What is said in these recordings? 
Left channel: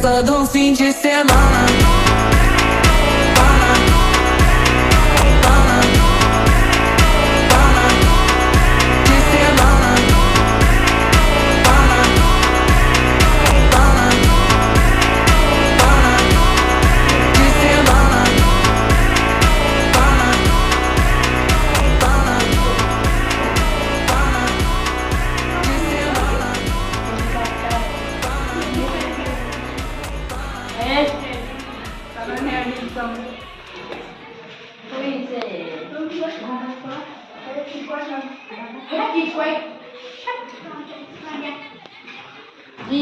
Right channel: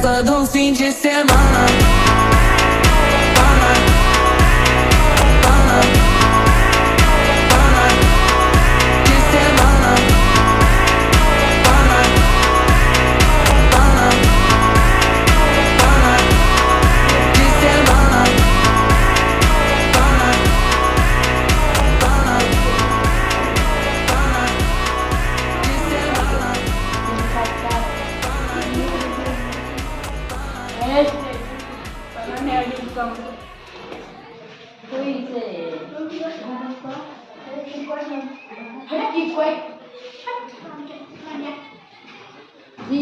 festa do fim de semana.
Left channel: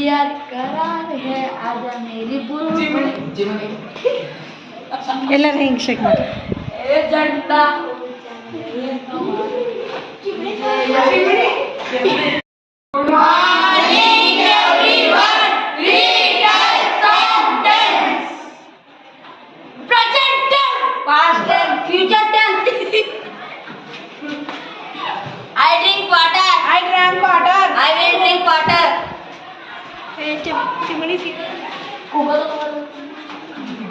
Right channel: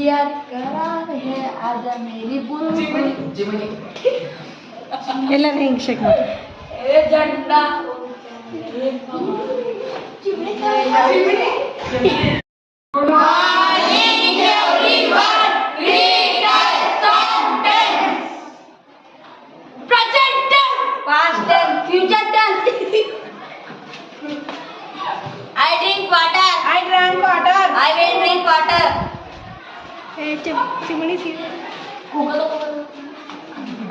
याद करार है आजा मेरी ಎಲ್ಲರೂ ಹಿಂಗೆ ಶೇಕ್ ಮಾಡಿ झंडा past tense, future tense. I drink water. I drank water. I will drink water. ಚಿಮಣಿ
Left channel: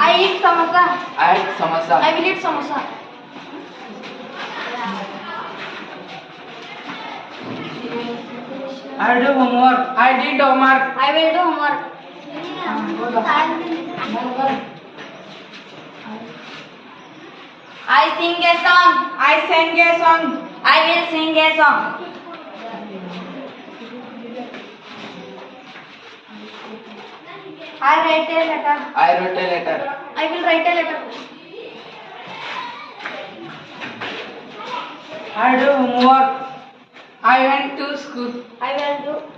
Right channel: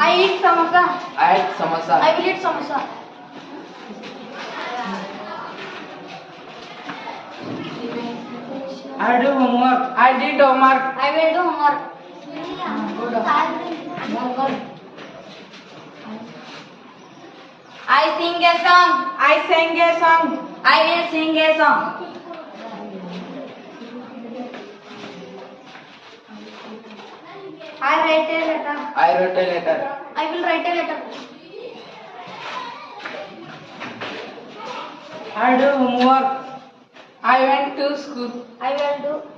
I eat samosa. I had samosa. I will eat samosa. I do homework. I did homework. I will do homework. I sing a song. I sang a song. I will sing a song. I write a letter. I wrote a letter. I will write a letter. I do homework. I went to school. I will do